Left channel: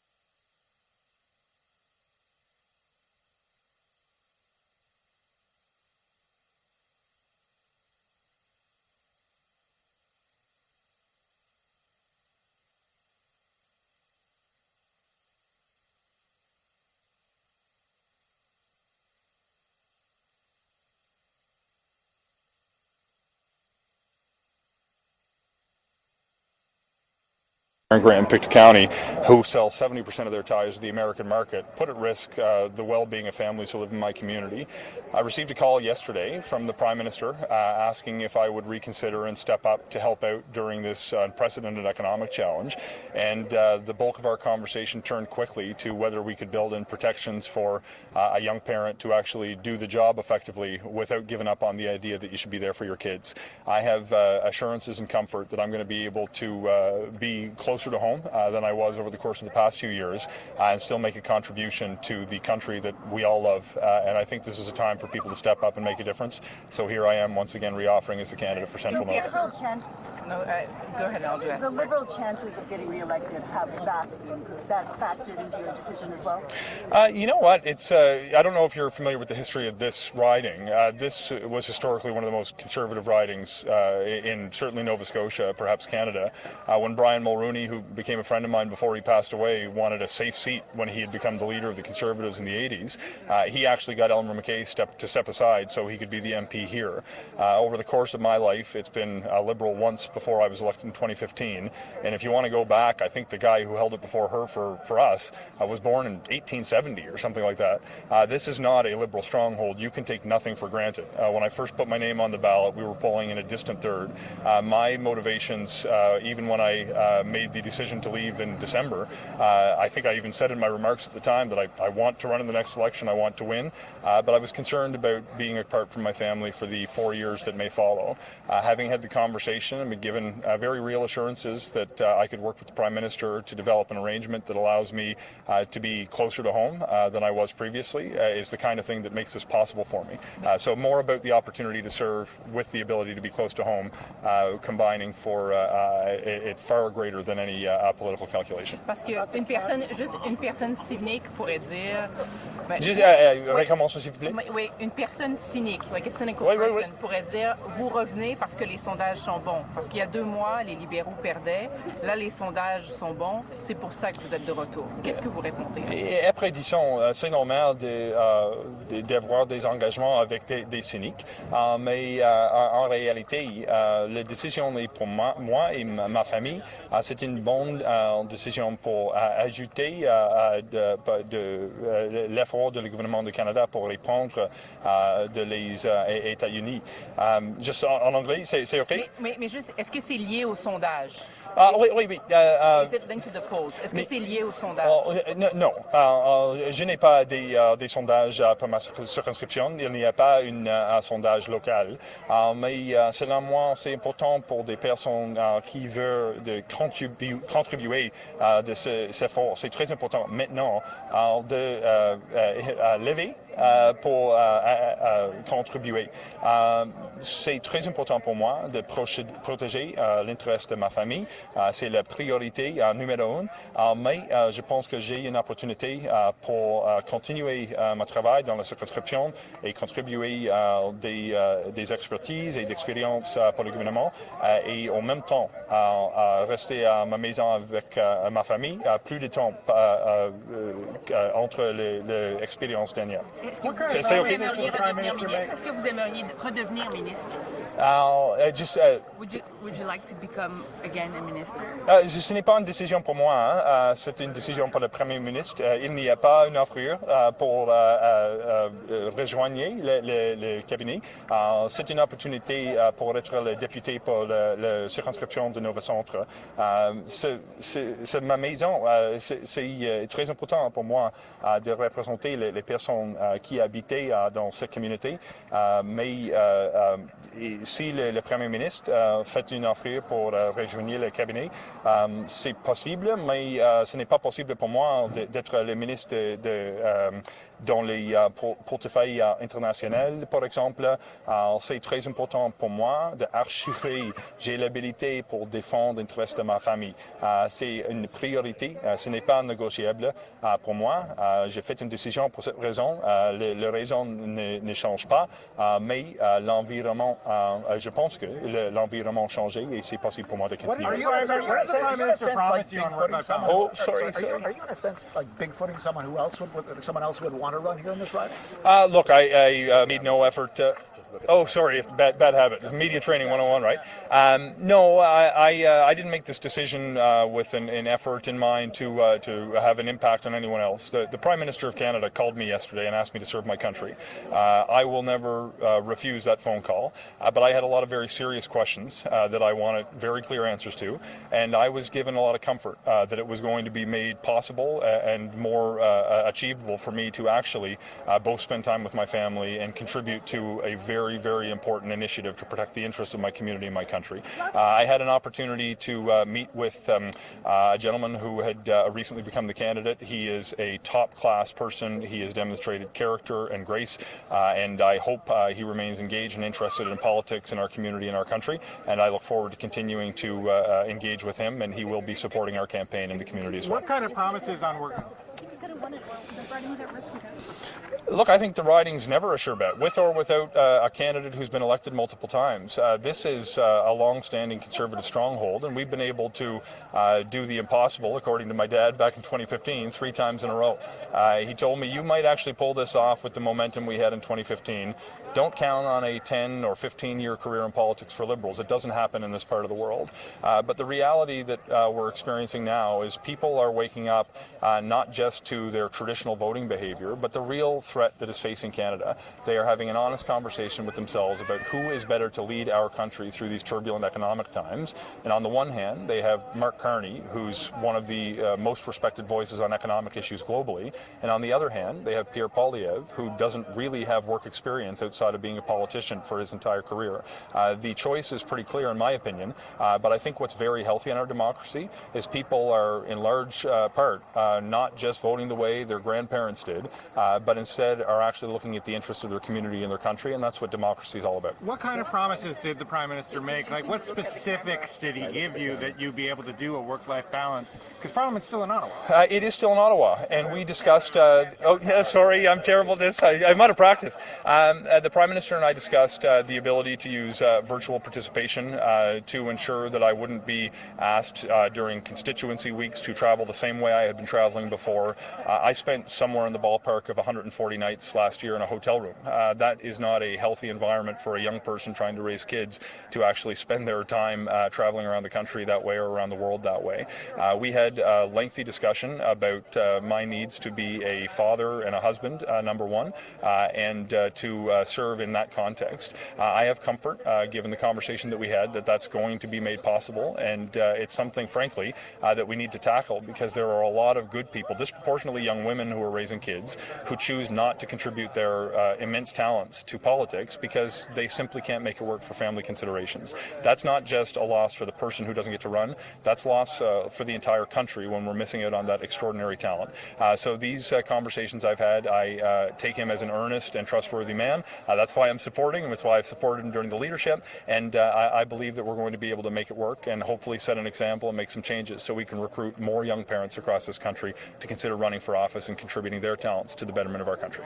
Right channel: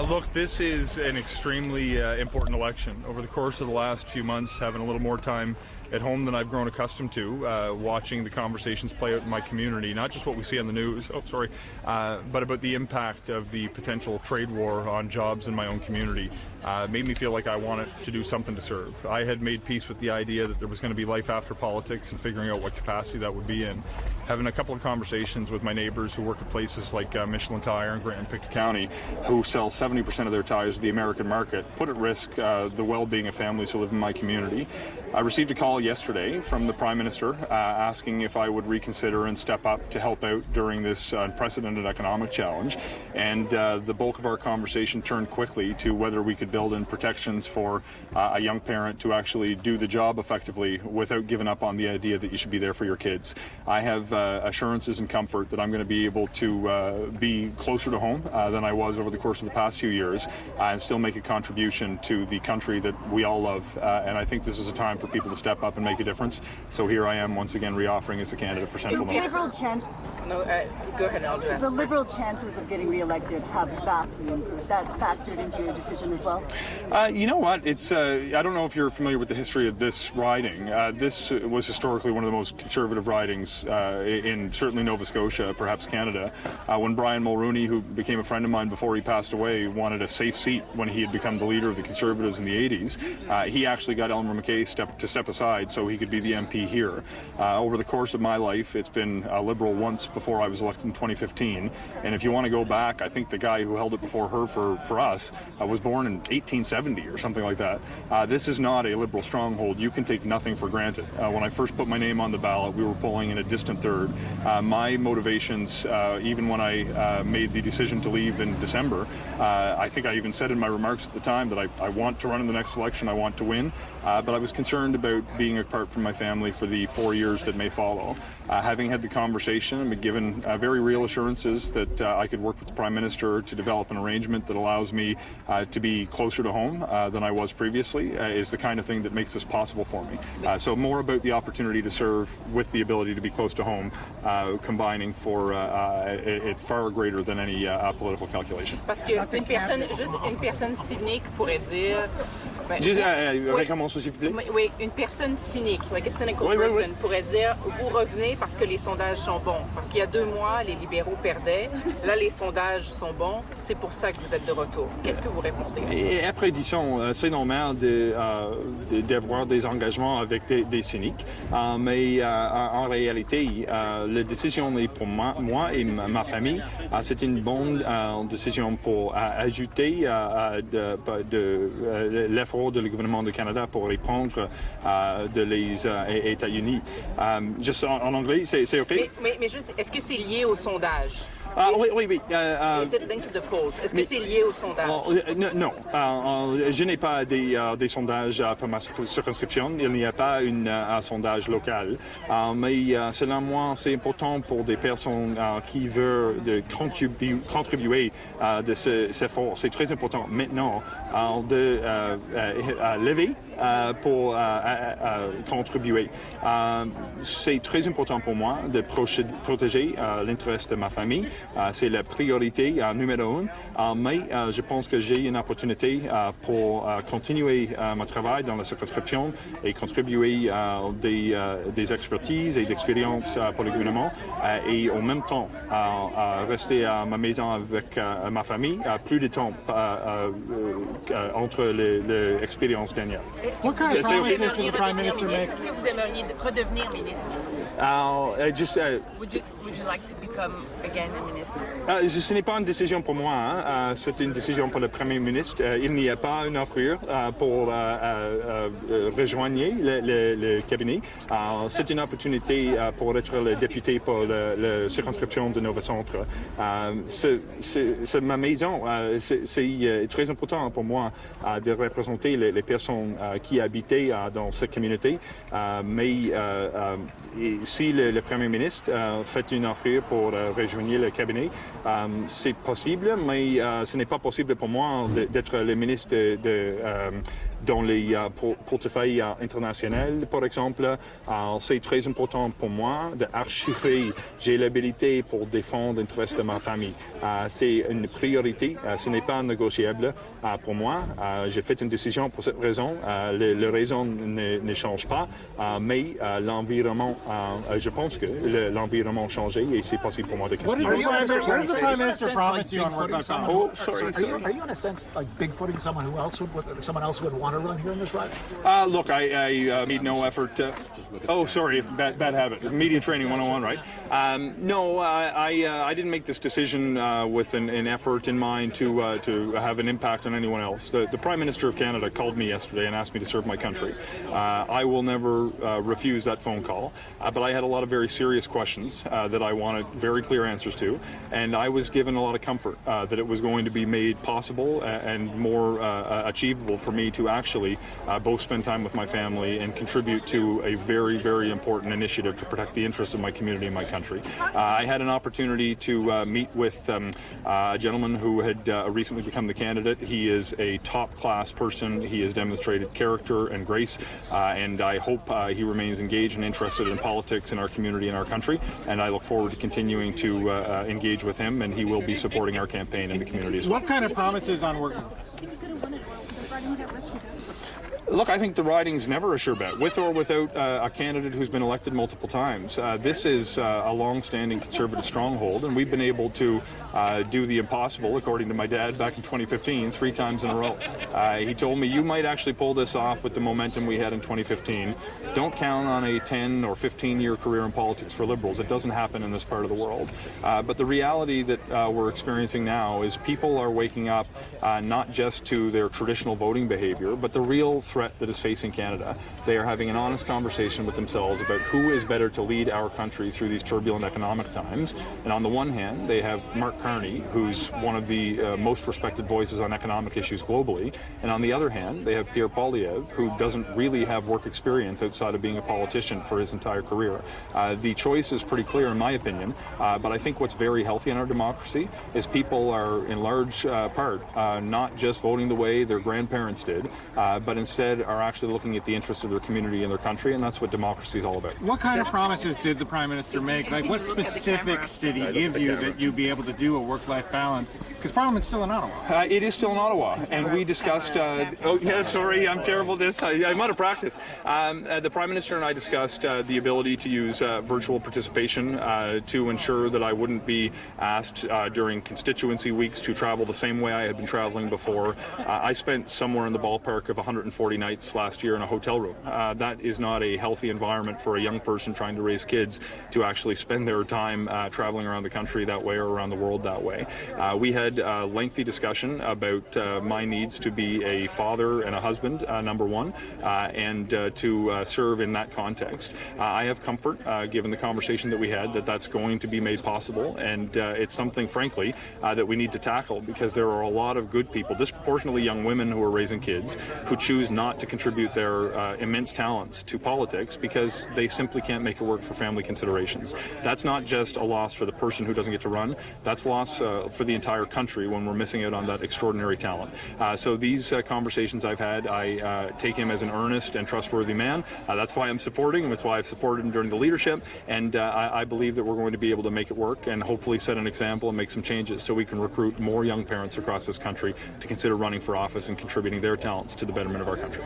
Look, this is an extremely important election. Over the course of the last few months, having a little more time at home than I've grown accustomed to, watching the conversations play out in my community, not just what we see on the news, but about the impact of the potential trade war on jobs in my own community. Made me feel like I wanted to do something to serve. I had made peace with the idea that there was going to be life after politics and figuring out what capacity that would be in. Having a couple of conversations with my neighbors who work at places like Michelin Tire and Grand Pictou County, who sell 70% of their tires to the American market, put at risk the well-being of families who live in my community. I received a call yesterday from the Prime Minister asking if I would reconsider and step up to help out during this unprecedented economic challenge. And the bulk of our conversation turned quickly to whether we could build in protections for a young parent to actually do the job effectively without giving up on the idea that you should be there for your kids. I have assurances and comfort that I'm going to be able to be closer to home than I was over the course of the past few years and still make a contribution to the country that we all love. And I think this is a time for people to step up and make a difference. So here I am once again reoffering as a candidate for Central North. Go ahead, Andrea. The Liberal chances of getting re-elected have vastly improved. That factored into your decision as well? You know what? It's I don't know if you're familiar with the history of this riding. This was historically one of the most conservative ridings in certainly Nova Scotia, perhaps Canada. When Brian Mulroney, who became a friend of mine before he passed away, wanted a safe seat when he had become the leader of the Conservatives in the 80s, he actually got Elmer MacKay to step aside so he could be the MP here. Over the course of my life, it's been Liberal once before I was elected in 2015. And if you want to go back, I think the guy who held it before her for us was born in 1870 or something like that. This is not a Liberal stronghold. You can take nothing for granted. When I first put my name on the ballot, we were polling in a distant third. My motivations, even when I made the decision to leave in December, I think I even said in my remarks at the time that I want to run in the next election, I want to win, but I was concerned about being apart from my family for the 4 years that may follow. Having had the conversation and been given very real assurances that I could work with the Prime Minister to develop an arrangement that allows me to be closer to home than I was previously is the kind of thing that makes this possible for me. So more about the opportunity to serve with the ability to be close to home, combining for it far greater than any political calculation. Parce que une personne cynique pourrait dire. Recommence s'il vous plaît. Oui, une personne cynique, like a cynical person, pourrait dire vous revenez parce que les sondages sont bons. Parce qu'il y a 2 mois, les libéraux perdaient. Là, les sondages sont bons. C'est pour ça que vous êtes de retour. Qu'est-ce que vous répondez? Et après, disons, c'est normal d'avoir des engagements avec des cyniques. Mais en réalité, la décision est pour moi et ma famille. C'est une bonne décision pour ajouter l'effort de le gouvernement du Canada pour répondre les États-Unis. Juste en anglais, c'est OK? Mais juste, est-ce que c'est lié au sondage? Oui. Est-ce que c'est lié au sondage? Non. Je n'ai pas des sondages pour ma circonscription. Il n'y a pas un sondage local. Mais selon moi, c'est important pour des personnes qui veulent contribuer de cet effort. C'est très important maintenant de lever pour contribuer. C'est très important pour moi de protéger l'intérêt de ma famille. C'est la priorité numéro 1. Mais je pense que j'ai une opportunité pour continuer mon travail dans la circonscription et contribuer des expertises et d'expériences pour le gouvernement et en même temps rester à ma maison avec ma famille plus de temps entre les expériences dernières. Est-ce que vous aimeriez redevenir ministre? Would you like to become again a minister? Ce n'est pas une décision pour moi, c'est une décision pour le Premier ministre. Il n'y a pas une offre pour rejoindre le cabinet. C'est une opportunité pour être le député pour la circonscription de Nova Centre. C'est ma maison. C'est très important pour moi de représenter les personnes qui habitaient dans cette communauté. Mais si le Premier ministre fait une offre pour rejoindre le cabinet, c'est possible, mais ce n'est pas possible pour moi d'être le ministre dans les portefeuilles internationaux, par exemple. C'est très important pour moi d'assurer j'ai l'habilité pour défendre l'intérêt de ma famille. C'est une priorité, ce n'est pas négociable pour moi. J'ai fait une décision pour cette raison. Les raisons ne changent pas, mais l'environnement, je pense que l'environnement a changé et c'est possible pour moi de continuer. What does the Prime Minister promise you on work-life balance? Oh, sorry. Are you in a sense like bigfooting someone else would want to run here in this ride? Look, I made no effort. Sorry, bad habit. Media training 101, right? No, I didn't make this decision with an effort in mind to have an impact on anyone else. The Prime Minister of Canada called me yesterday and asked me to serve my country. I will never refuse that phone call, but I had a lot of very serious questions that I wanted very clear answers to, and I was given a lot of comfort that it was going to be made possible and more achievable for me to actually both spend time with my family and contribute to a very, very important initiative to protect the interests of my community and my country. I had an opportunity to meet with a gentleman who had recently become the candidate. He is a top-class person. He has demonstrated character and grace, and I hope he remains engaged and interested in politics in our community and our country, and I look forward to continuing to engage with him, and he will be supporting our campaign in the community as well. What kind of promises on working? Look, I think the riding's never a sure bet, with or without a candidate who's been elected multiple times. This is a long-standing Conservative stronghold, and we've been able to do the impossible, according to my dad back in 2015, 3 times in a row. He told me, you might actually pull this off with the momentum we had in 2015. Don't count on a 10 or 15-year career in politics for Liberals. It doesn't happen in this part of the world. But the reality that we're experiencing now is people are waking up not just to their traditional voting behavior, but the real threat that is facing Canada. They are having an honest conversation with themselves about who is better to lead our country through these turbulent economic times. And on the one hand, they have Mark Carney, who's one of the most respected voices on economic issues globally. And on the other hand, they have Pierre Poilievre, who doesn't really have work experience outside of being a politician for his entire career. The choice is pretty clear, in my opinion, but I think what's very healthy in our democracy is people are, in large part, not just voting the way their grandparents did, but instead are actually looking at the interests of their community and their country, and that's what democracy is all about. What kind of promises did the Prime Minister make? Like, what specifics did he give you that you'd be able to do a work-life balance? Because Parliament's still in Ottawa. It is still in Ottawa, and we discussed... sorry, I'm terrible at this. I'm out of practice. The Prime Minister and I discussed the ability to use virtual participation to ensure that I wouldn't be asked during constituency weeks to travel the same way I had been traveling before. I spent somewhere in the ballpark of 140 nights last year in a hotel room. That is not a healthy environment for a young person trying to raise kids to actually spend their time traveling around the country that way or around the world that way. We had a lengthy discussion about my needs to be a father and a husband, number one, and to serve in that context. I have comfort, given the conversation that we had, that that's going to be made possible, and it's something, frankly, that we need to tackle, because there are a lot of good people, disproportionately young women who are raising kids, who choose not to contribute their immense talents to politics because they simply can't make it work for family considerations. That's not just a loss for the person who doesn't get to run, that's loss for the entire country when we're missing out on that extraordinary talent. So these conversations I've had, I take him as an earnest and trustworthy man. That's why I'm supporting him, that's why I've supported him during the leadership, and I believe that we're going to be able to make it work and hopefully set an example and make some changes so we can recruit more young parents across this country to consider running for office and contributing their talents to the betterment of our country.